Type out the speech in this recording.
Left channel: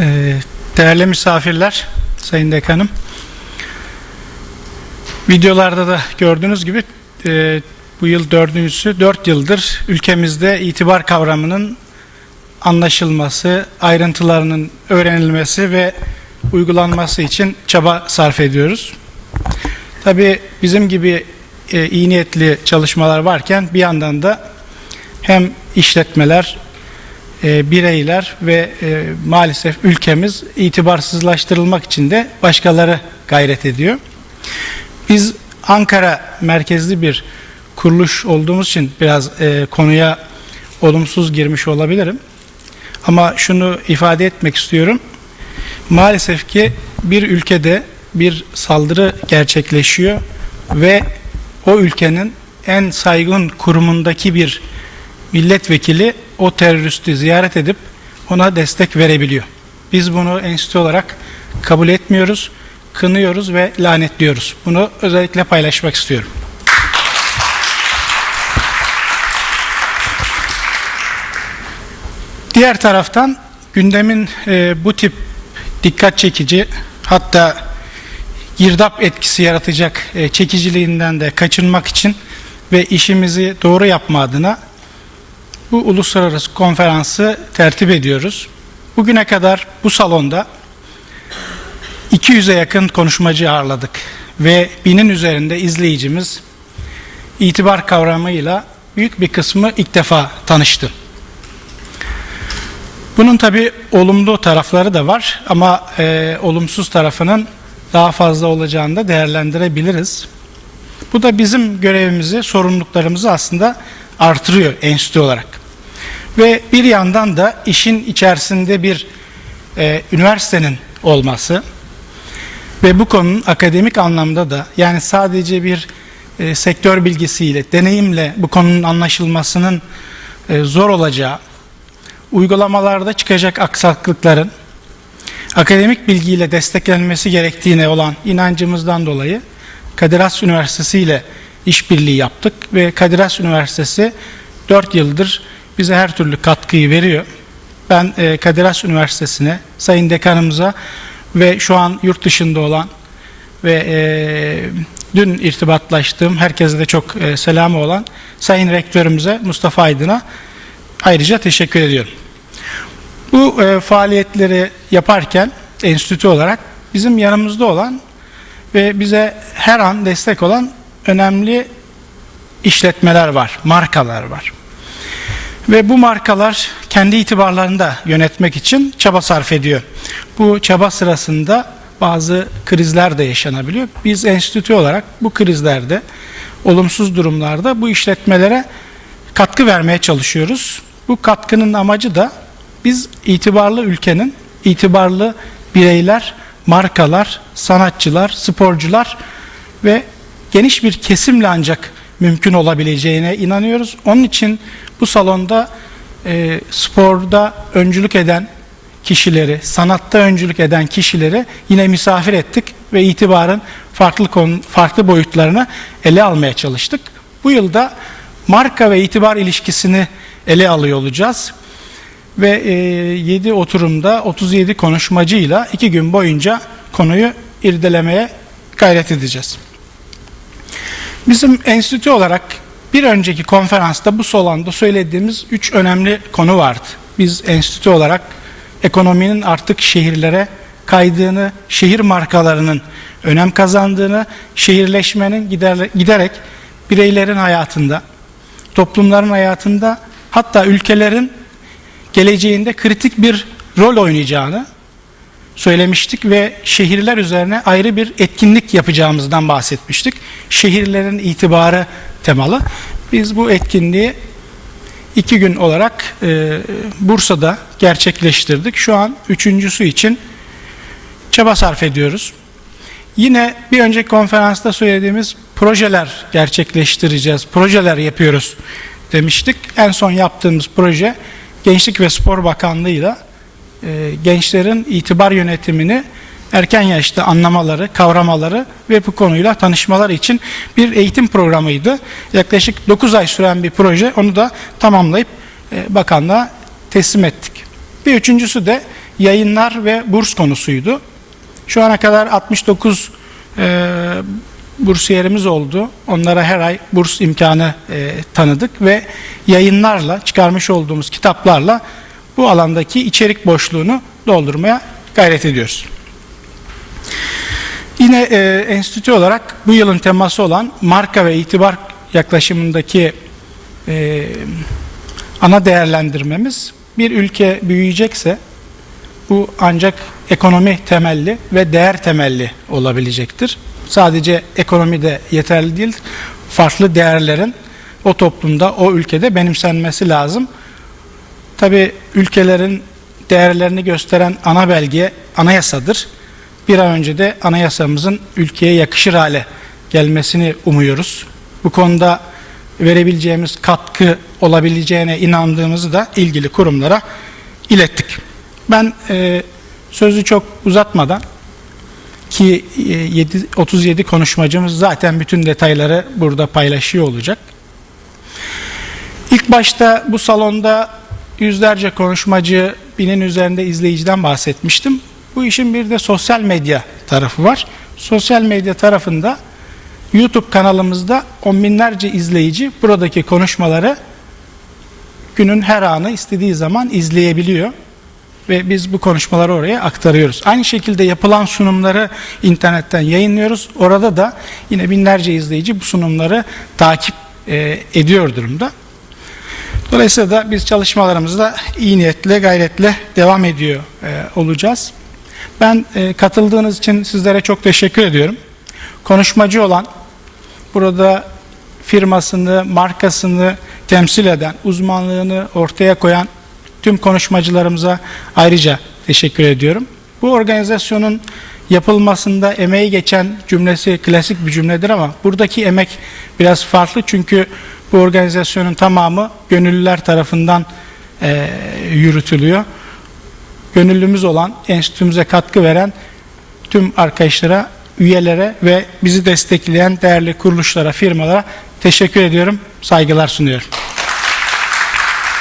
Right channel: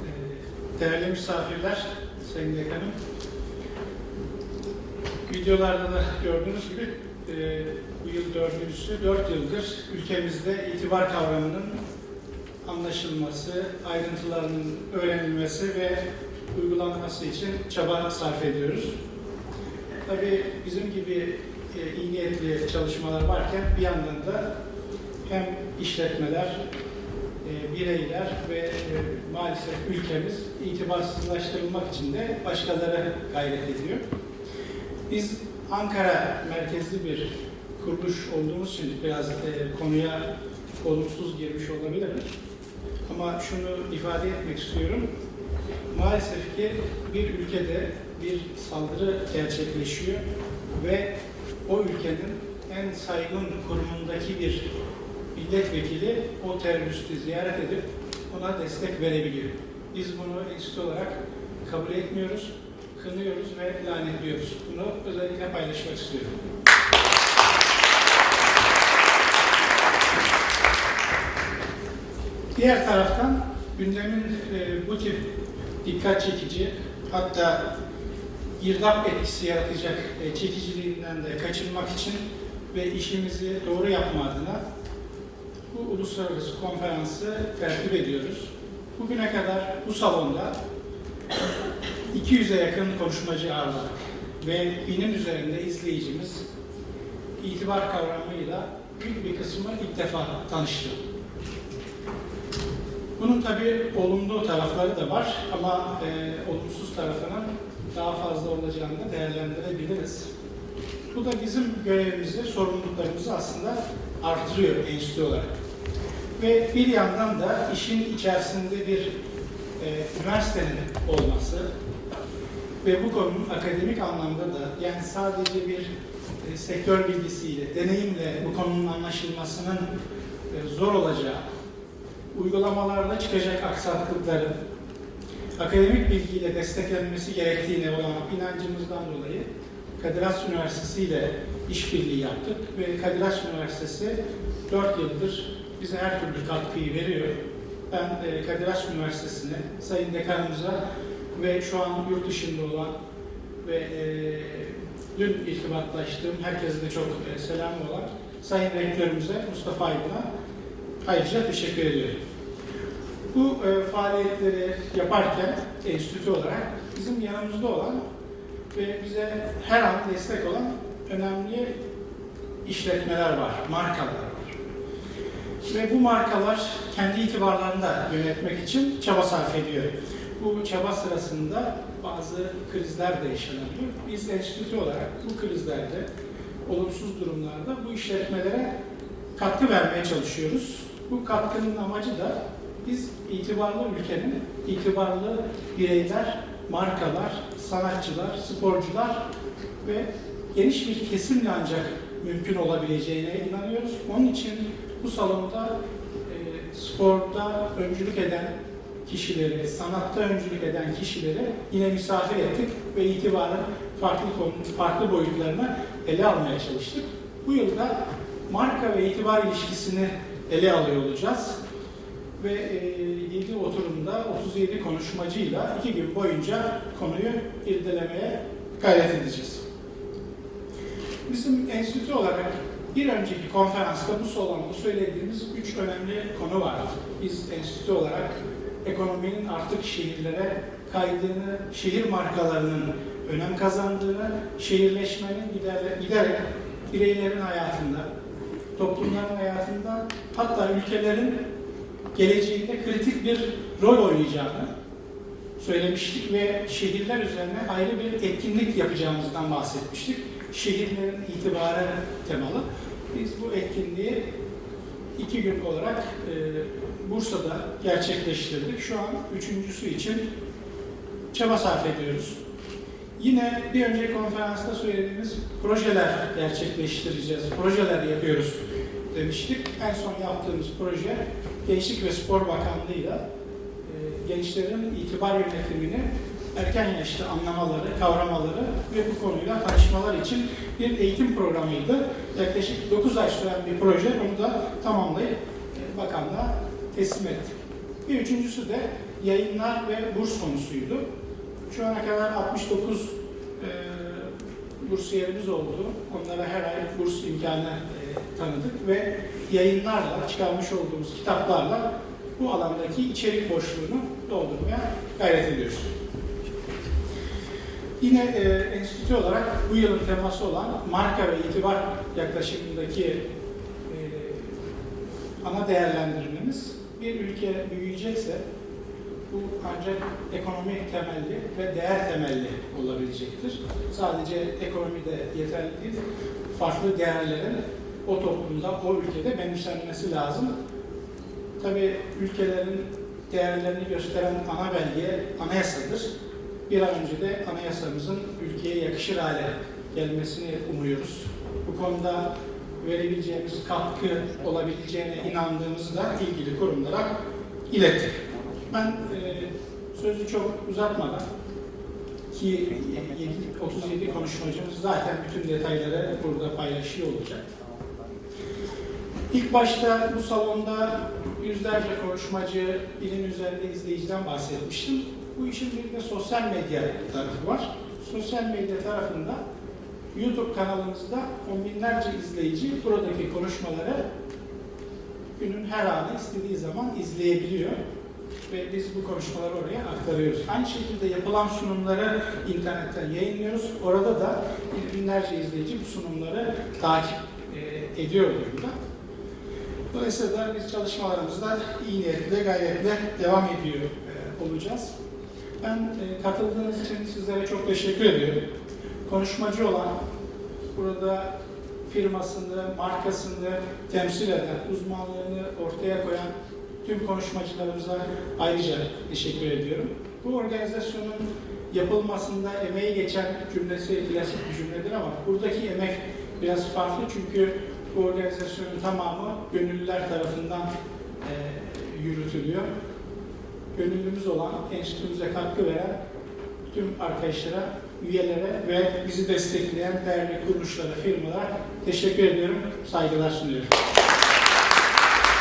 Ee, Değerli misafirler, Sayın Dekanım. Videolarda da gördüğünüz gibi e, bu yıl dördüncüsü, dört yıldır ülkemizde itibar kavramının anlaşılması, ayrıntılarının öğrenilmesi ve uygulanması için çaba sarf ediyoruz. Tabii bizim gibi e, iyi niyetli çalışmalar varken bir yandan da hem işletmeler, e, bireyler ve e, maalesef ülkemiz itibarsızlaştırılmak için de başkaları gayret ediyor. Biz Ankara merkezli bir kuruluş olduğumuz için biraz e, konuya olumsuz girmiş olabilirim. Ama şunu ifade etmek istiyorum. Maalesef ki bir ülkede bir saldırı gerçekleşiyor ve o ülkenin en saygın kurumundaki bir milletvekili o teröristi ziyaret edip ona destek verebiliyor. Biz bunu enstitü olarak kabul etmiyoruz, kınıyoruz ve lanetliyoruz. Bunu özellikle paylaşmak istiyorum. Diğer taraftan gündemin e, bu tip dikkat çekici hatta girdap etkisi yaratacak e, çekiciliğinden de kaçınmak için ve işimizi doğru yapma adına bu uluslararası konferansı tertip ediyoruz. Bugüne kadar bu salonda 200'e yakın konuşmacı ağırladık ve binin üzerinde izleyicimiz itibar kavramıyla büyük bir kısmı ilk defa tanıştı. Bunun tabi olumlu tarafları da var ama e, olumsuz tarafının daha fazla olacağını da değerlendirebiliriz. Bu da bizim görevimizi, sorumluluklarımızı aslında artırıyor enstitü olarak. Ve bir yandan da işin içerisinde bir e, üniversitenin olması ve bu konunun akademik anlamda da yani sadece bir e, sektör bilgisiyle, deneyimle bu konunun anlaşılmasının e, zor olacağı, uygulamalarda çıkacak aksaklıkların akademik bilgiyle desteklenmesi gerektiğine olan inancımızdan dolayı Kadir Has Üniversitesi ile işbirliği yaptık ve Kadir Has Üniversitesi 4 yıldır bize her türlü katkıyı veriyor. Ben e, Kadir Has Üniversitesi'ne, Sayın Dekanımıza ve şu an yurt dışında olan ve e, dün irtibatlaştığım herkese de çok e, selamı olan Sayın Rektörümüze Mustafa Aydın'a ayrıca teşekkür ediyorum. Bu e, faaliyetleri yaparken enstitü olarak bizim yanımızda olan ve bize her an destek olan önemli işletmeler var, markalar var. Ve bu markalar kendi itibarlarını da yönetmek için çaba sarf ediyor. Bu çaba sırasında bazı krizler de yaşanabiliyor. Biz enstitü olarak bu krizlerde, olumsuz durumlarda bu işletmelere katkı vermeye çalışıyoruz. Bu katkının amacı da biz itibarlı ülkenin itibarlı bireyler, markalar, sanatçılar, sporcular ve geniş bir kesimle ancak mümkün olabileceğine inanıyoruz. Onun için bu salonda e, sporda öncülük eden kişileri, sanatta öncülük eden kişileri yine misafir ettik ve itibarın farklı konu, farklı boyutlarını ele almaya çalıştık. Bu yılda marka ve itibar ilişkisini ele alıyor olacağız. Ve e, 7 oturumda 37 konuşmacıyla 2 gün boyunca konuyu irdelemeye gayret edeceğiz. Bizim enstitü olarak bir önceki konferansta bu salonda söylediğimiz üç önemli konu vardı. Biz enstitü olarak ekonominin artık şehirlere kaydığını, şehir markalarının önem kazandığını, şehirleşmenin giderek bireylerin hayatında, toplumların hayatında hatta ülkelerin geleceğinde kritik bir rol oynayacağını söylemiştik ve şehirler üzerine ayrı bir etkinlik yapacağımızdan bahsetmiştik. Şehirlerin itibarı temalı. Biz bu etkinliği iki gün olarak e, Bursa'da gerçekleştirdik. Şu an üçüncüsü için çaba sarf ediyoruz. Yine bir önceki konferansta söylediğimiz projeler gerçekleştireceğiz, projeler yapıyoruz demiştik. En son yaptığımız proje Gençlik ve Spor Bakanlığı'yla e, gençlerin itibar yönetimini erken yaşta anlamaları, kavramaları ve bu konuyla tanışmaları için bir eğitim programıydı. Yaklaşık 9 ay süren bir proje. Onu da tamamlayıp e, bakanlığa teslim ettik. Bir üçüncüsü de yayınlar ve burs konusuydu. Şu ana kadar 69 e, bursiyerimiz oldu. Onlara her ay burs imkanı e, tanıdık ve yayınlarla, çıkarmış olduğumuz kitaplarla bu alandaki içerik boşluğunu doldurmaya gayret ediyoruz. Yine e, enstitü olarak bu yılın teması olan marka ve itibar yaklaşımındaki e, ana değerlendirmemiz bir ülke büyüyecekse bu ancak ekonomi temelli ve değer temelli olabilecektir. Sadece ekonomi de yeterli değil, farklı değerlerin o toplumda, o ülkede benimsenmesi lazım. Tabi ülkelerin değerlerini gösteren ana belge anayasadır. Bir an önce de anayasamızın ülkeye yakışır hale gelmesini umuyoruz. Bu konuda verebileceğimiz katkı olabileceğine inandığımızı da ilgili kurumlara ilettik. Ben e, sözü çok uzatmadan ki e, 7, 37 konuşmacımız zaten bütün detayları burada paylaşıyor olacak. İlk başta bu salonda yüzlerce konuşmacı, binin üzerinde izleyiciden bahsetmiştim. Bu işin bir de sosyal medya tarafı var. Sosyal medya tarafında YouTube kanalımızda on binlerce izleyici buradaki konuşmaları günün her anı istediği zaman izleyebiliyor ve biz bu konuşmaları oraya aktarıyoruz. Aynı şekilde yapılan sunumları internetten yayınlıyoruz. Orada da yine binlerce izleyici bu sunumları takip e, ediyor durumda. Dolayısıyla da biz çalışmalarımızda iyi niyetle, gayretle devam ediyor e, olacağız. Ben e, katıldığınız için sizlere çok teşekkür ediyorum. Konuşmacı olan, burada firmasını, markasını temsil eden, uzmanlığını ortaya koyan tüm konuşmacılarımıza ayrıca teşekkür ediyorum. Bu organizasyonun yapılmasında emeği geçen cümlesi klasik bir cümledir ama buradaki emek biraz farklı çünkü bu organizasyonun tamamı gönüllüler tarafından e, yürütülüyor. Gönüllümüz olan, enstitümüze katkı veren tüm arkadaşlara, üyelere ve bizi destekleyen değerli kuruluşlara, firmalara teşekkür ediyorum, saygılar sunuyorum.